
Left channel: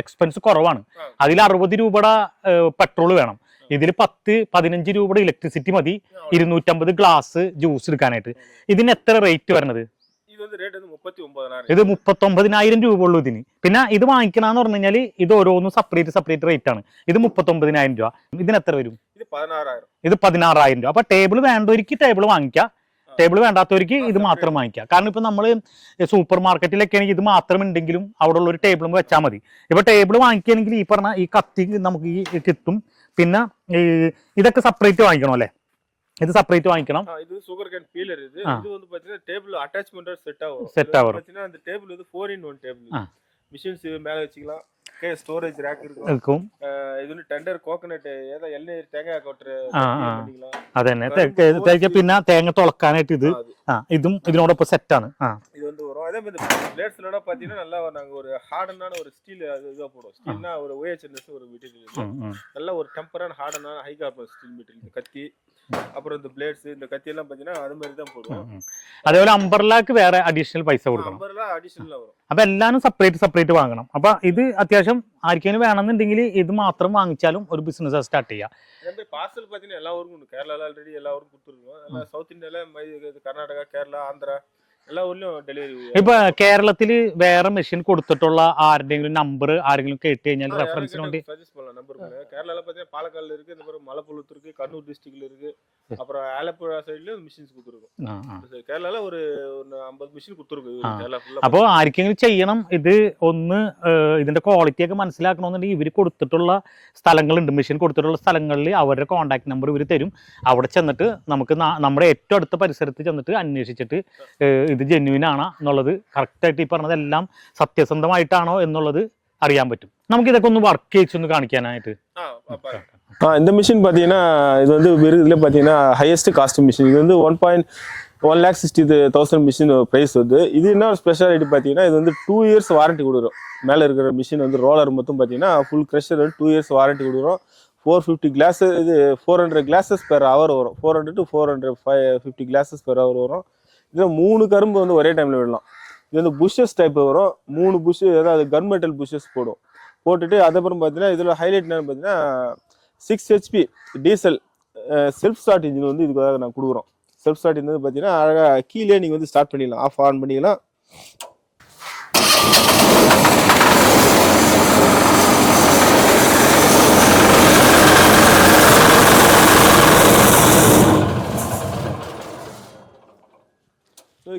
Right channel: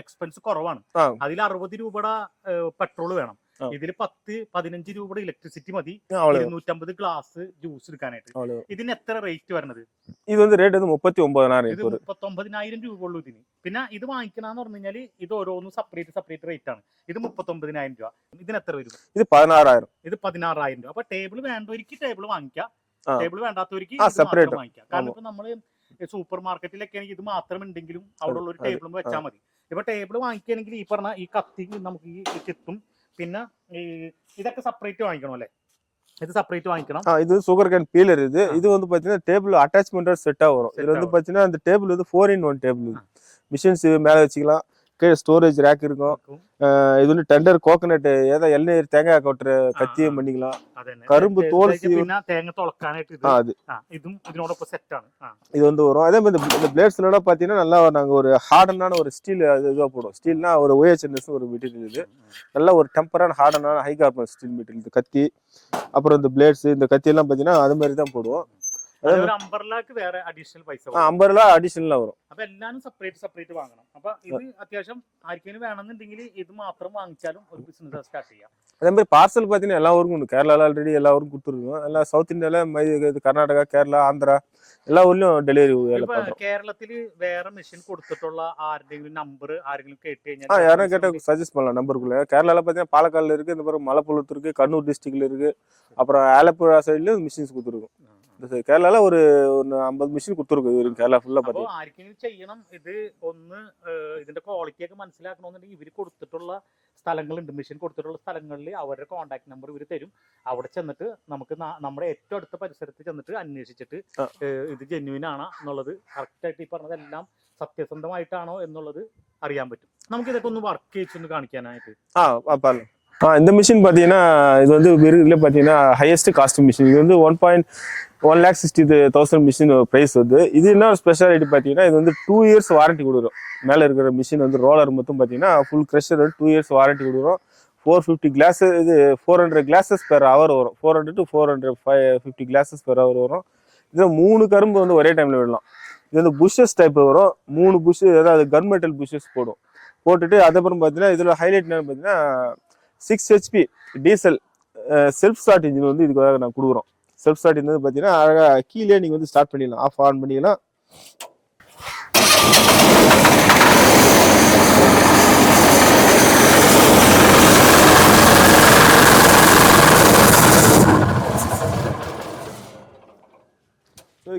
Speaker 1: എക്സ്പെൻസ് കുറവാണ്
Speaker 2: ആ.
Speaker 1: അതിൽ അറുപത് രൂപയുടെ പെട്രോൾ വേണം
Speaker 2: ആ.
Speaker 1: ഇതിൽ പത്ത് പതിനഞ്ച് രൂപയുടെ ഇലക്ട്രിസിറ്റി മതി. ഇരുന്നൂറ്റമ്പത് ഗ്ലാസ് ജ്യൂസ് എടുക്കാനായിട്ട്. ഇതിന് എത്ര റേറ്റ് വരണത്?
Speaker 2: ഇത് റേറ്റ് മുപ്പത്തി ഒമ്പതിനായിരം
Speaker 1: ഇത് മുപ്പത്തി ഒമ്പതിനായിരം രൂപ ഉള്ളൂ ഇതിന്. പിന്നെ ഇത് വാങ്ങിക്കണമെന്ന് പറഞ്ഞു കഴിഞ്ഞാൽ ഇത് ഓരോന്നും സെപ്പറേറ്റ് സെപ്പറേറ്റ് റേറ്റ് ആണ്. ഇത് മുപ്പത്തി ഒമ്പതിനായിരം രൂപ. ഇതിന് എത്ര വരും?
Speaker 2: ഇത് പതിനാറായിരം.
Speaker 1: ഇത് പതിനാറായിരം രൂപ. അപ്പൊ ടേബിൾ വേണ്ടവർക്ക് ടേബിൾ വാങ്ങിക്കാം. ടേബിൾ വേണ്ടാത്തവർക്ക് ഇത് മാത്രം വാങ്ങിക്കാം. കാരണം ഇപ്പൊ നമ്മൾ സൂപ്പർ മാർക്കറ്റിലൊക്കെ ആണെങ്കിൽ ഇത് മാത്രം ഉണ്ടെങ്കിലും അവിടെ ഉള്ള ഒരു ടേബിളും വെച്ചാൽ മതി. ഇപ്പൊ ടേബിൾ വാങ്ങിക്കുകയാണെങ്കിൽ ഈ പറഞ്ഞ ഈ കത്തി നമുക്ക് ഈ കിട്ടും. പിന്നെ ഈ ഇതൊക്കെ സെപ്പറേറ്റ് വാങ്ങിക്കണം അല്ലെ ഇത് സെപ്പറേറ്റ് വാങ്ങിക്കണം
Speaker 2: ஆ, இது சுகர் கேன் பீலர் இது
Speaker 1: ஆ.
Speaker 2: இது வந்து பாத்தீங்கன்னா டேபிள் அட்டாச்மெண்டோட செட்டா வரும்
Speaker 1: Set
Speaker 2: இது
Speaker 1: ஆ
Speaker 2: வந்து
Speaker 1: வரும்.
Speaker 2: பாத்தீங்கன்னா அந்த டேபிள் வந்து four in one table
Speaker 1: ah.
Speaker 2: Machines மேல வச்சுக்கலாம் கீழே ஸ்டோரேஜ் ரேக் இருக்கும்
Speaker 1: നിൽക്കും
Speaker 2: ஆஹ் இது வந்து டெண்டர் கோகனட் ஏதோ எண்ணெய் தேங்காய் கொட்டுற
Speaker 1: ആ,
Speaker 2: கத்தியும்
Speaker 1: ആ.
Speaker 2: பண்ணிக்கலாம்
Speaker 1: അതന്നെ
Speaker 2: കരുമ്പ്
Speaker 1: തേ-
Speaker 2: തോല്
Speaker 1: തേക്ക് പിന്നെ തേങ്ങ തുളക്കാനായിട്ട് ഇത്
Speaker 2: ஆ, அது
Speaker 1: ആ ഇതും ഇതിനോടൊപ്പം സെറ്റ് ആണ് ആ
Speaker 2: இது வந்து வரும் அதே மாதிரி இந்த பிளேட்ஸ்ல பாத்தீங்கன்னா நல்லா நாங்க ஒரு ஹார்டனான ஒரு ஸ்டீல் இதுவா போடுவோம் ஸ்டீல்னா ஒரு ஓஎச்என்எஸ் ஒரு மெட்டீரியல் இது
Speaker 1: ഉം, ഉം.
Speaker 2: நல்ல ஒரு டெம்பரான ஹார்டனான ஹை கார்பன் ஸ்டீல் மெட்டீரியல் இந்த கத்தி அப்புறம் இந்த பிளேட்ஸ் இந்த கத்தி எல்லாம் பாத்தீங்கன்னா அது மாதிரி தான் போடுவோம்
Speaker 1: ഉം, ഉം. അതേപോലെ അമ്പർലാക്ക് വേറെ അഡീഷണൽ പൈസ കൊടുക്കണം
Speaker 2: ஐம்பது ரூபா அடிஷனலா வரும்
Speaker 1: അപ്പൊ എല്ലാരും സെപ്പറേറ്റ് സെപ്പറേറ്റ് വാങ്ങണം അപ്പൊ ഇത് അത്യാവശ്യം ആർക്കെങ്കിലും വേണമെന്നുണ്ടെങ്കിൽ ഇത് മാത്രം വാങ്ങിച്ചാലും ഒരു ബിസിനസ് സ്റ്റാർട്ട് ചെയ്യാം
Speaker 2: அதே மாதிரி பார்சல் பாத்தீங்கன்னா எல்லா ஊருக்கும் உண்டு கேரளால ஆல்ரெடி எல்லா ஊருக்கும் கொடுத்துருக்கோம் எல்லாம் சவுத் இந்தியால மை- இது கர்நாடகா கேரளா ஆந்திரா எல்லா ஊர்லயும் டெலிவரி
Speaker 1: ഇപ്പൊ കേരളത്തില് വേറെ മെഷീൻ കൊടുത്തിട്ടുള്ള ആരുടെങ്കിലും നമ്പർ ആരെങ്കിലും കേട്ട് കഴിഞ്ഞാൽ
Speaker 2: யாரும்
Speaker 1: reference
Speaker 2: கேட்ட
Speaker 1: കൊണ്ട്
Speaker 2: சஜஸ்ட் பண்ணலாம் நம்பருக்குள்ள கேரளால பாத்தீங்கன்னா பாலக்காடுல இருக்கு இந்த மாதிரி மலப்புலத்து இருக்கு கண்ணூர் டிஸ்ட்ரிக்ட்ல இருக்கு அப்புறம் ஆலப்புழா சைட்லயும் மிஷின்ஸ் கொடுத்துருக்கோம்
Speaker 1: ആ, ആ.
Speaker 2: கேரளால ஒரு ஒரு ஐம்பது மிஷின் கொடுத்துருக்கோம் இது
Speaker 1: ஆ.
Speaker 2: கேரளா ஃபுல்லா
Speaker 1: അപ്പൊ ആർക്കെങ്കിലും ചെയ്യണം ഇത് ഒന്ന് ഏഹ്, ഇതിന്റെ ക്വാളിറ്റി ഒക്കെ മനസ്സിലാക്കണമെന്നുണ്ടെങ്കിൽ ഇവർ കൊടുത്തിട്ടുള്ള സ്ഥലങ്ങളുണ്ട് മെഷീൻ കൊടുത്തിട്ടുള്ള സ്ഥലങ്ങളിൽ അവരുടെ കോൺടാക്ട് നമ്പർ ഇവർ തരും അവിടെ ചെന്നിട്ട് നമുക്ക് നാ- നമ്മുടെ ഏറ്റവും അടുത്ത പരിസരത്ത് ചെന്നിട്ട് അന്വേഷിച്ചിട്ട്
Speaker 2: ആ.
Speaker 1: ഏഹ്, ഇത് ജെന്യൂൻ ആണോ എന്നുള്ളത് കറക്റ്റ് ആയിട്ട് ഈ പറഞ്ഞതെല്ലാം സത്യസന്ധമായിട്ടാണോ എന്നുള്ളത് അറിയാൻ പറ്റും നമുക്ക് ഇതൊക്കെ ഒന്ന് വർക്ക് ചെയ്ച്ചൊന്ന് കാണിക്കാനായിട്ട്
Speaker 2: ஆ ஆ, பாருங்க ஆ இந்த மிஷின் பார்த்தீங்கன்னா இது வந்து இதுல பார்த்தீங்கன்னா ஹையஸ்ட் காஸ்ட் மிஷின் இது வந்து one point one lakh sixty thousand machine price வந்து இது என்ன ஸ்பெஷாலிட்டி பார்த்தீங்கன்னா இது வந்து டூ இயர்ஸ் வாரண்டி கொடுக்குறோம் மேலே இருக்கிற மிஷின் வந்து ரோலர் மொத்தம் பார்த்தீங்கன்னா full crusher two years warranty கொடுக்குறோம் ஃபோர் ஃபிஃப்டி கிளாஸ் இது four hundred glasses per hour வரும் four hundred to four hundred five fifty glasses per hour வரும் இதில் மூணு கரும்பு வந்து ஒரே டைமில் விடலாம். இது வந்து புஷ்ஷஸ் டைப் வரும். மூணு புஷ் அதாவது கன்மெட்டல் புஷ்ஷஸ் போடும். போட்டுட்டு அதுக்கப்புறம் பார்த்தீங்கன்னா இதில் ஹைலைட் என்னன்னு பார்த்தீங்கன்னா six HP diesel self start engine வந்து இதுக்காக நான் கொடுக்குறோம். செல்ஃப் ஸ்டார்ட் இன்ஜின் வந்து பார்த்தீங்கன்னா அழகாக கீழே நீங்கள் வந்து ஸ்டார்ட் பண்ணிடலாம். ஆஃப் ஆன் பண்ணிக்கலாம்.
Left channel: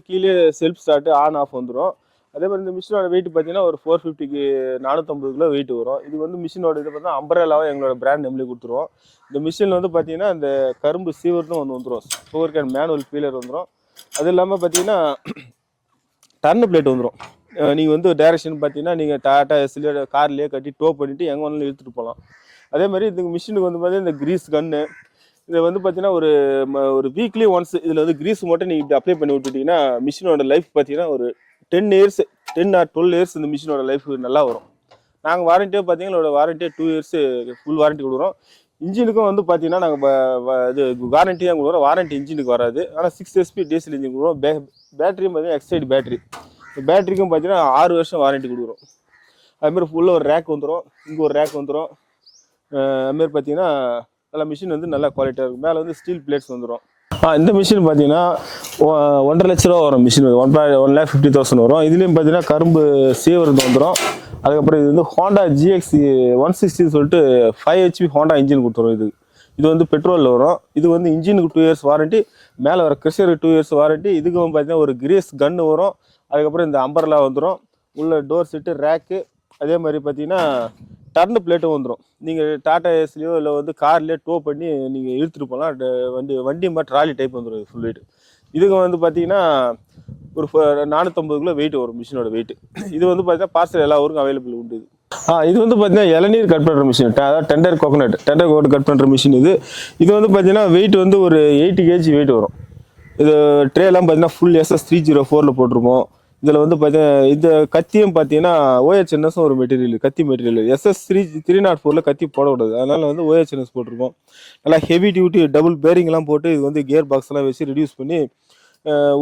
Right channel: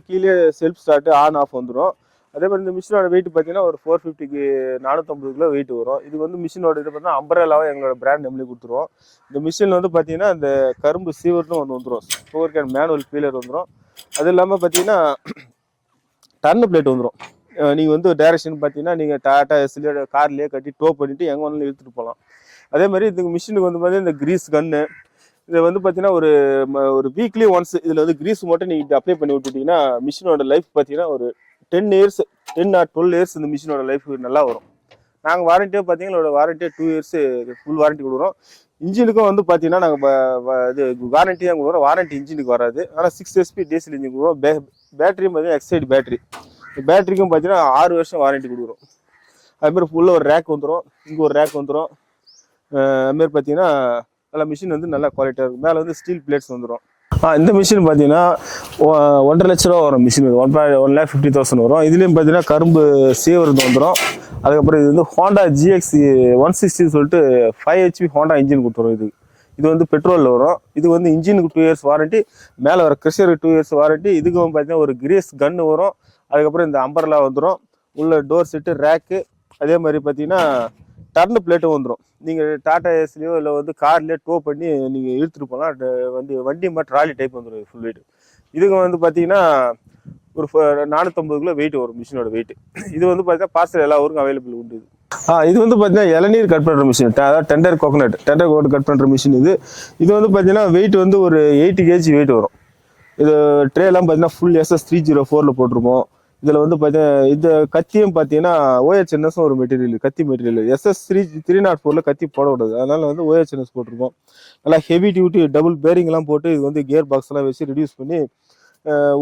Speaker 2: கீழே செல்ஃப் ஸ்டார்ட்டு ஆன் ஆஃப் வந்துடும் அதே மாதிரி இந்த மிஷினோட வெயிட் பார்த்தீங்கன்னா ஒரு ஃபோர் ஃபிஃப்டிக்கு நானூற்றம்பது கிலோ வெயிட் வரும். இது வந்து மிஷினோட இது பார்த்தீங்கன்னா அம்பரேலாவும் எங்களோட பிராண்ட் நம்மளே கொடுத்துருவோம் இந்த மிஷினில் வந்து பார்த்தீங்கன்னா இந்த கரும்பு சீவர்னு ஒன்று வந்துடும் சூவர் கேன் மேனுவல் ஃபீலர் வந்துடும் அது இல்லாமல் பார்த்தீங்கன்னா டர்னு பிளேட் வந்துடும் நீங்கள் வந்து டைரக்ஷன் பார்த்தீங்கன்னா நீங்கள் டாட்டா எஸ்லேயோ கார்லேயே கட்டி டோ பண்ணிவிட்டு எங்கே வேணாலும் இழுத்துட்டு போகலாம் அதே மாதிரி இந்த மிஷினுக்கு வந்து பார்த்தீங்கன்னா இந்த கிரீஸ் கன்னு இது வந்து பார்த்தீங்கன்னா ஒரு ஒரு வீக்லி ஒன்ஸ் இதில் வந்து கிரீஸ் மட்டும் நீங்கள் அப்ளை பண்ணி விட்டுட்டீங்கன்னா மிஷினோட லைஃப் பார்த்தீங்கன்னா ஒரு ten years ten or twelve years இந்த மிஷினோட லைஃப் நல்லா வரும். நாங்கள் வாரண்டியே பார்த்தீங்கன்னா வாரண்டியே டூ இயர்ஸ் ஃபுல் வாரண்டி கொடுக்குறோம். இன்ஜினுக்கும் வந்து பார்த்தீங்கன்னா நாங்கள் இது வாரண்டியாக கொடுக்குறோம். வாரண்டி இன்ஜினுக்கு வராது. ஆனால் சிக்ஸ் எஸ்பி டீசல் இன்ஜின் கொடுக்குறோம். பே பேட்டரியும் பார்த்தீங்கன்னா எக்ஸைடு பேட்டரி பேட்டரிக்கும் பார்த்தீங்கன்னா ஆறு வருஷம் வாரண்டி கொடுக்குறோம். அதுமாதிரி ஃபுல்லாக ஒரு ரேக் வந்துடும் இங்கே ஒரு ரேக் வந்துடும் அதுமாரி பார்த்தீங்கன்னா நல்லா மிஷின் வந்து நல்லா குவாலிட்டியாக இருக்கும். மேலே வந்து ஸ்டீல் பிளேட்ஸ் வந்துடும் இந்த மிஷின் பார்த்தீங்கன்னா ஒன்றரை லட்ச ரூபா வரும் machine one one lakh fifty thousand வரும். இதுலேயும் பார்த்தீங்கன்னா கரும்பு சீவரது வந்துடும் அதுக்கப்புறம் இது வந்து ஹோண்டா ஜிஎக்ஸ் ஒன் சிக்ஸ்டின்னு சொல்லிட்டு ஃபைவ் ஹெச்பி ஹோண்டா இன்ஜின் கொடுத்துரும் இது. இது வந்து பெட்ரோலில் வரும். இது வந்து இன்ஜினுக்கு டூ இயர்ஸ் வாரண்டி மேலே வர கிறிஸ்டருக்கு டூ இயர்ஸ் வாரண்டி இதுக்கு வந்து பார்த்தீங்கன்னா ஒரு கிரேஸ் கன்று வரும். அதுக்கப்புறம் இந்த அம்பர்லாம் வந்துடும் உள்ள டோர் செட்டு ரேக்கு அதே மாதிரி பார்த்தீங்கன்னா டர்ன் பிளேட்டும் வந்துடும் நீங்கள் டாடா ஏஸ்லேயோ இல்லை வந்து கார்லேயோ டோ பண்ணி நீங்கள் இழுத்துட்டு போகலாம் ட- வண்டி வண்டி மாதிரி ட்ராலி டைப் வந்துடும் ஃபுல் வெயிட் இதுக்கு வந்து பார்த்தீங்கன்னா ஒரு ஃப- நானூற்றம்பது கிலோ வெயிட் வரும் மிஷினோட வெயிட் இது வந்து பார்த்தீங்கன்னா பார்சல் எல்லா ஊருக்கும் அவைலபிள் உண்டு இது. ஆ இது வந்து பார்த்தீங்கன்னா இளநீர் கட் பண்ணுற மிஷின் அதாவது tender coconut tender coconut cut பண்ணுற மிஷின் இது. இது வந்து பார்த்தீங்கன்னா வெயிட் வந்து ஒரு எயிட்டி கேஜி வெயிட் வரும். இது ட்ரேலாம் பார்த்தீங்கன்னா ஃபுல் எஸ்எஸ் த்ரீ ஜீரோ ஃபோரில் போட்டிருப்போம். இதில் வந்து பார்த்தீங்கன்னா இந்த கத்தியும் பார்த்தீங்கன்னா OHNS ஒரு மெட்டீரியல் கத்தி material SS three three not ஃபோரில் கத்தி போடக்கூடாது. அதனால் வந்து OHNS போட்டிருக்கோம். நல்லா ஹெவி டியூட்டி டபுள் பேரிங்லாம் போட்டு இது வந்து கியர் பாக்ஸ்லாம் வச்சு ரெடியூஸ் பண்ணி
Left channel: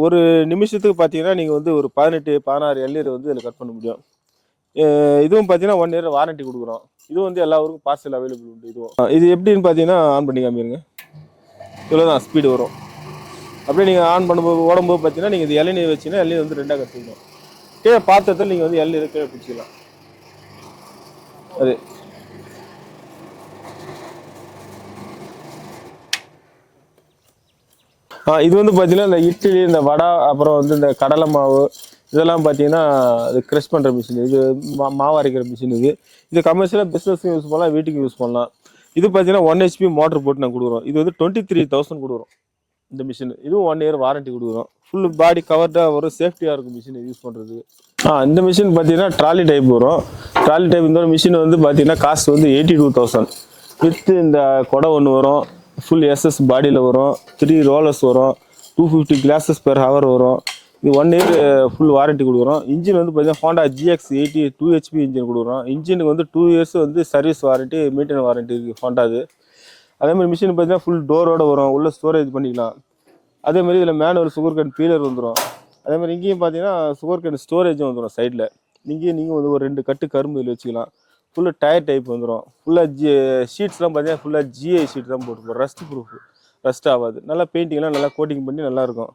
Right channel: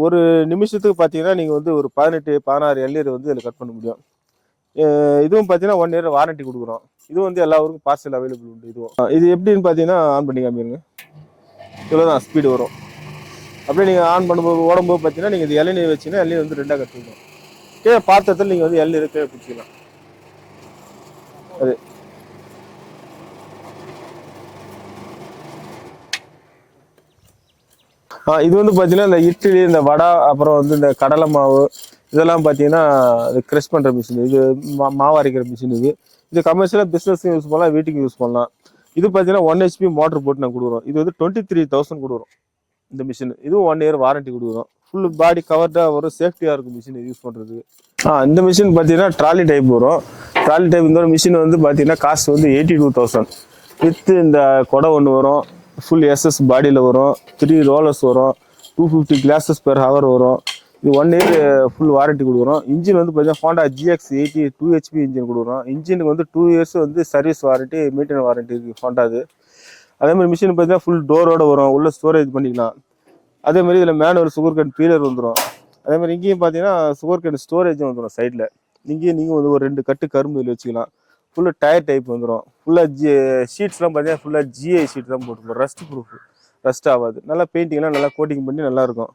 Speaker 2: ஒரு நிமிஷத்துக்கு பார்த்தீங்கன்னா நீங்கள் வந்து ஒரு பதினெட்டு பதினாறு எல்லியர் வந்து இதில் கட் பண்ண முடியும். இதுவும் பார்த்தீங்கன்னா ஒன் இயர் வாரண்டி கொடுக்குறோம். இது வந்து எல்லா ஊருக்கும் பார்சல் அவைலபிள் உண்டு இதுவும். இது எப்படின்னு பார்த்தீங்கன்னா ஆன் பண்ணி காமிருங்க இவ்வளோதான் ஸ்பீடு வரும். அப்படியே நீங்கள் ஆன் பண்ணும்போது ஓடும்போது பார்த்தீங்கன்னா நீங்கள் இது இளநீர் வச்சீங்கன்னா இளநீர் வந்து ரெண்டாக கற்றுக்கணும் கீழே பாத்திரத்தில் நீங்கள் வந்து இளநீர் கீழே பிடிச்சிக்கலாம் அது. ஆ இது வந்து பார்த்தீங்கன்னா இந்த இட்லி இந்த வடை அப்புறம் வந்து இந்த கடலை மாவு இதெல்லாம் பார்த்தீங்கன்னா இது க்ரெஷ் பண்ணுற மிஷின் இது மா- மாவு அரைக்கிற மிஷின் இது. இது கமர்ஷியலாக பிஸ்னஸ்க்கு யூஸ் பண்ணலாம் வீட்டுக்கு யூஸ் பண்ணலாம். இது பார்த்தீங்கன்னா ஒன் ஹெச்பி மோட்டர் போட்டு நான் கொடுக்குறோம். இது வந்து டுவெண்ட்டி த்ரீ தௌசண்ட் கொடுக்குறோம். இந்த மிஷின் இதுவும் ஒன் இயர் வாரண்டி கொடுக்குறோம். ஃபுல் பாடி கவர்டாக வரும். சேஃப்டியாக இருக்கும் மிஷின் யூஸ் பண்ணுறதுக்கு ஆ இந்த மிஷின் பார்த்தீங்கன்னா ட்ராலி டைப் வரும். ட்ராலி டைப் இந்த மிஷின் வந்து பார்த்தீங்கன்னா காஸ்ட் வந்து எயிட்டி டூ தௌசண்ட் வித்து இந்த கொடை ஒன்று வரும். ஃபுல் எஸ்எஸ் பாடியில் வரும். த்ரீ ரோலர்ஸ் வரும். Two fifty glasses per hour வரும். இது ஒன் இயர் ஃபுல் வாரண்டி கொடுக்குறோம். இன்ஜின் வந்து பார்த்தீங்கன்னா Honda GX eighty two HP engine கொடுக்குறோம். இன்ஜினுக்கு வந்து டூ இயர்ஸ் வந்து சர்வீஸ் வாரண்ட்டி மெயின்டெனன் வாரண்ட்டி இருக்குது ஹோண்டாது அதே மாதிரி மிஷின் பார்த்தீங்கன்னா ஃபுல் டோரோட வரும். உள்ள ஸ்டோரேஜ் பண்ணிக்கலாம். அதே மாதிரி இதில் மேனுவல் சுகர் கேன் பீலர் வந்துடும் அதே மாதிரி இங்கேயும் பார்த்தீங்கன்னா சுகர் கேன் ஸ்டோரேஜும் வந்துடும் சைடில் இங்கேயும் நீங்கள் வந்து ஒரு ரெண்டு கட்டு கரும்பு இதில் வச்சுக்கலாம். ஃபுல்லாக டயர் டைப் வந்துடும் ஃபுல்லாக ஜி ஷீட்ஸ்லாம் பார்த்தீங்கன்னா ஃபுல்லாக ஜிஐ ஷீட் தான் போட்டுருப்போம் ரஸ்ட் ப்ரூஃப் ரஸ்ட் ஆகாது. நல்லா பெயிண்டிங்லாம் நல்லா கோட்டிங் பண்ணி நல்லா இருக்கும்.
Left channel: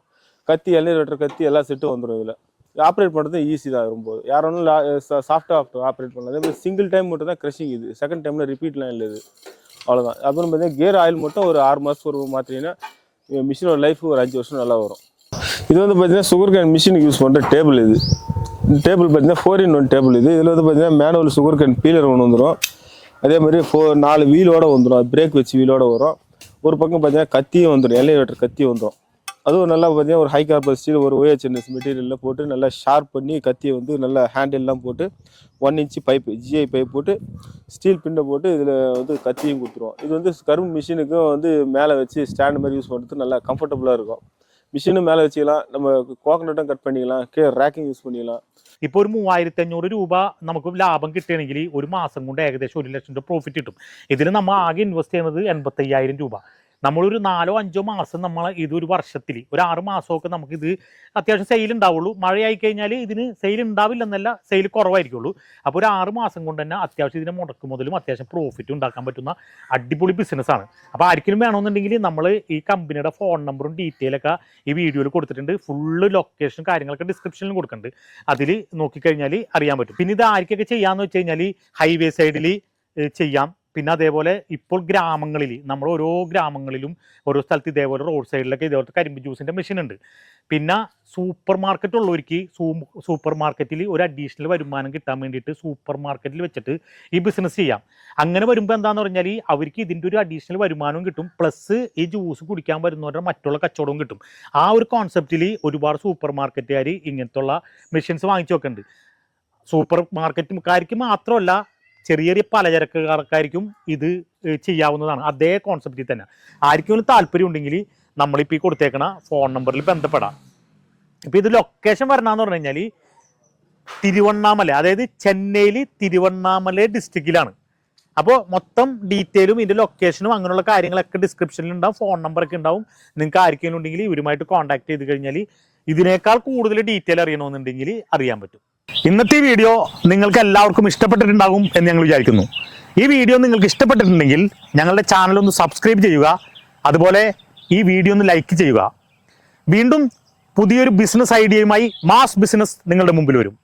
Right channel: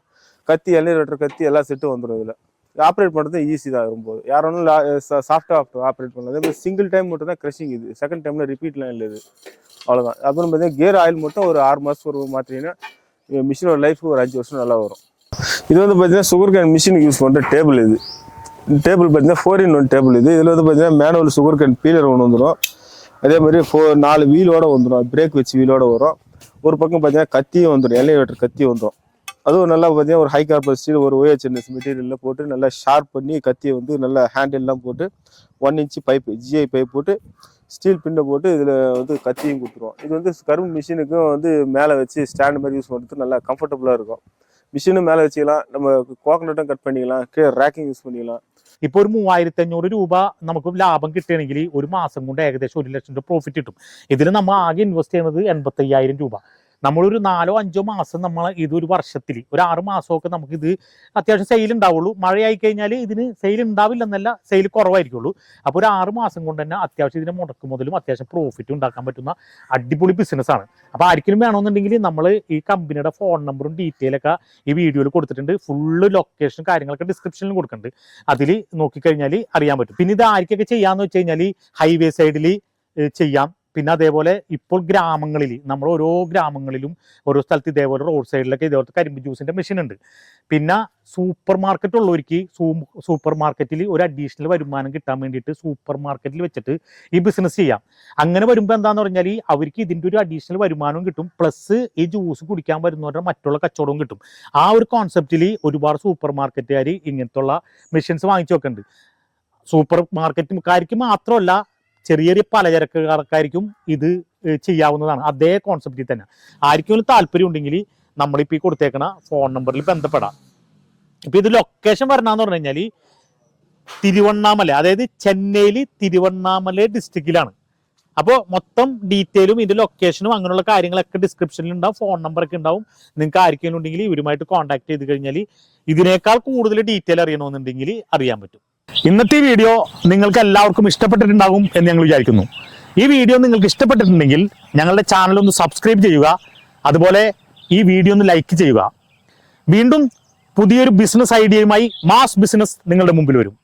Speaker 2: கத்தி எண்ணெய் வெட்டுற கத்தி எல்லா செட்டும் வந்துடும் இதில். ஆப்ரேட் பண்ணுறது ஈஸி தான் ரொம்ப யாரும் சாஃப்ட்டாக சாஃப்டாக ஆப்ரேட் பண்ணலாம். அதே மாதிரி சிங்கிள் டைம் மட்டும் தான் க்ரஷிங் இது செகண்ட் டைமில் ரிப்பீட்லாம் இல்லை இது. அவ்வளோதான் அப்புறம் பார்த்தீங்கன்னா கியர் ஆயில் மட்டும் ஒரு ஆறு மாதம் ஒரு மாற்றிங்கன்னா மிஷினோட லைஃப் ஒரு அஞ்சு வருஷம் நல்லா வரும். இது வந்து பார்த்தீங்கன்னா சுகர் கேன் மிஷினுக்கு யூஸ் பண்ணுற டேபிள் இது. டேபிள் பார்த்தீங்கன்னா ஃபோர் இன் ஒன் டேபிள் இது. இதில் வந்து பார்த்தீங்கன்னா மேனுவல் சுகர் கேன் பீலர் ஒன்று வந்துடும் அதே மாதிரி ஃபோ நாலு வீலோடு வந்துடும் பிரேக் வச்சு வீலோடு வரும். ஒரு பக்கம் பார்த்தீங்கன்னா கத்தியும் வந்துடும் எல்லை வெட்டுற கத்தியும் வந்துடும் அதுவும் நல்லா பார்த்தீங்கன்னா ஒரு ஹை கார்பர் ஸ்டீல் ஒரு OHNS மெட்டீரியலில் போட்டு நல்லா ஷார்ப் பண்ணி கத்தியை வந்து நல்லா ஹேண்டில்லாம் போட்டு one inch pipe GI pipe போட்டு ஸ்டீல் பின்னை போட்டு இதில் வந்து கத்தியும் கொடுத்துருவோம் இது வந்து கரும்பு மிஷினுக்கும் வந்து மேலே வச்சு ஸ்டாண்ட் மாதிரி யூஸ் பண்ணுறது நல்லா கம்ஃபர்டபுளாக இருக்கும் மிஷினும் மேலே வச்சுக்கலாம் நம்ம கோகனட்டும் கட் பண்ணிக்கலாம் கீழே ரேக்கிங் யூஸ் பண்ணிக்கலாம்
Speaker 1: ഇപ്പൊ ഒരു മൂവായിരത്തി അഞ്ഞൂറ് രൂപ നമുക്ക് ലാഭം കിട്ടുകയാണെങ്കിൽ ഒരു മാസം കൊണ്ട് ഏകദേശം ഒരു ലക്ഷം രൂപ പ്രോഫിറ്റ് കിട്ടും ഇതിൽ നമ്മൾ ആകെ ഇൻവെസ്റ്റ് ചെയ്യുന്നത് എൺപത്തി അയ്യായിരം രൂപ നമ്മളൊരു നാലോ അഞ്ചോ മാസം നമ്മൾ ഇതൊരു വർഷത്തിൽ ഒരു ആറ് മാസമൊക്കെ നമുക്ക് ഇത് അത്യാവശ്യം സെയിൽ ഉണ്ടാവുള്ളൂ മഴയായി കഴിഞ്ഞാൽ ഇതിന് സെയിൽ ഉണ്ടാവില്ലെന്നല്ല സെയിൽ കുറവായിരിക്കുള്ളൂ. അപ്പോൾ ഒരു ആറ് മാസം കൊണ്ട് തന്നെ അത്യാവശ്യം ഇതിനെ മുടക്ക് മുതലും അത്യാവശ്യം പ്രോഫിറ്റ് ഉണ്ടാക്കാൻ പറ്റുന്ന അടിപൊളി ബിസിനസ്സാണ് അപ്പോൾ ആർക്കെങ്കിലും വേണമെന്നുണ്ടെങ്കിൽ നമ്മൾ ഈ കമ്പനിയുടെ ഫോൺ നമ്പറും ഡീറ്റെയിൽ ഒക്കെ ഈ വീഡിയോയിൽ കൊടുത്തിട്ടുണ്ട്. ഫുള്ള് ലൊക്കേഷൻ കാര്യങ്ങളൊക്കെ ഡിസ്ക്രിപ്ഷനിൽ കൊടുക്കുന്നുണ്ട് അതിൽ നോക്കിക്കഴിഞ്ഞാൽ അറിയാൻ പറ്റും. പിന്നെ ഇത് ആർക്കൊക്കെ ചെയ്യാന്ന് വെച്ച് കഴിഞ്ഞാൽ ഹൈവേ സൈഡിൽ ചെയ്യാം. പിന്നെ അതേപോലെ ഇപ്പോൾ ഗ്രാമങ്ങളിൽ നമ്മൾ ഓരോ ഗ്രാമങ്ങളിലും ഓരോ സ്ഥലത്ത് ഇതേപോലെ റോഡ് സൈഡിലൊക്കെ ഇതേപോലത്തെ കരിമ്പ് ജ്യൂസിന്റെ മെഷീൻ ഉണ്ട്. പിന്നെ സൂപ്പർ മാർക്കറ്റ് ഉള്ളവർക്ക് സൂപ്പർ മാർക്കറ്റിൽ ഒരു അഡീഷണൽ വരുമാനം കിട്ടാൻ വേണ്ടിയിട്ട് സൂപ്പർ മാർക്കറ്റിൽ വെച്ചിട്ട് ഈ ബിസിനസ് ചെയ്യാം. അങ്ങനെ വരുമ്പോൾ എന്താണെന്ന് പറഞ്ഞാൽ അവർക്ക് ഇതിന്റെ ഒരു അഡീഷണൽ വരുമാനവും കിട്ടും. പ്ലസ് ഈ ജ്യൂസ് കുടിക്കാൻ വരുന്നവരുടെ മറ്റുള്ള കച്ചവടവും കിട്ടും. ആ ഒരു കോൺസെപ്റ്റിൽ ഒരുപാട് സൂപ്പർ മാർക്കറ്റുകാർ ഇങ്ങനത്തുള്ള മെഷീൻസ് വാങ്ങിച്ചു വെക്കുന്നുണ്ട് സൂപ്പർ മാർക്കറ്റുകാർക്ക് മാത്രമല്ല ചെറിയ ചെറിയ പലചരക്കാർക്കായിരിക്കും ഇത് ചെയ്യാവുന്നതാണ്. അതേ കോൺസെപ്റ്റിൽ തന്നെ. ആർക്കും താല്പര്യം ഉണ്ടെങ്കിൽ നമ്മളിപ്പോൾ ഈ കൊടുത്തേക്കണ ഫോൺ നമ്പറിൽ ബന്ധപ്പെടാം. ഇപ്പൊ ഇത് ലൊക്കേഷൻ വരണമെന്ന് പറഞ്ഞു കഴിഞ്ഞാൽ തിരുവണ്ണാമല അതായത് ചെന്നൈയിൽ തിരുവണ്ണാമല ഡിസ്ട്രിക്റ്റിലാണ് അപ്പോൾ മൊത്തം ഡീറ്റെയിലും ഇതിന്റെ ലൊക്കേഷനും അങ്ങനെയുള്ള കാര്യങ്ങളൊക്കെ ഡിസ്ക്രിപ്ഷനിൽ ഉണ്ടാവും ഫോൺ നമ്പറൊക്കെ ഉണ്ടാവും. നിങ്ങൾക്ക് ആർക്കെങ്കിലും ഉണ്ടെങ്കിൽ ഇവരുമായിട്ട് കോൺടാക്ട് ചെയ്ത് കഴിഞ്ഞാൽ ഇതിനേക്കാൾ കൂടുതൽ ഡീറ്റെയിൽ അറിയണമെന്നുണ്ടെങ്കിൽ അറിയാൻ പറ്റും. ഇന്നത്തെ വീഡിയോ നിങ്ങൾക്ക് എല്ലാവർക്കും ഇഷ്ടപ്പെട്ടിട്ടുണ്ടാകും എന്ന് ഞങ്ങൾ വിചാരിക്കുന്നു. ഈ വീഡിയോ നിങ്ങൾക്ക് ഇഷ്ടപ്പെട്ടിട്ടുണ്ടെങ്കിൽ ഞങ്ങളുടെ ചാനൽ ഒന്ന് സബ്സ്ക്രൈബ് ചെയ്യുക. അതുപോലെ ഈ വീഡിയോ ഒന്ന് ലൈക്ക് ചെയ്യുക. വീണ്ടും പുതിയൊരു ബിസിനസ് ഐഡിയയുമായി മാസ് ബിസിനസ് നിങ്ങളുടെ മുമ്പിൽ വരും.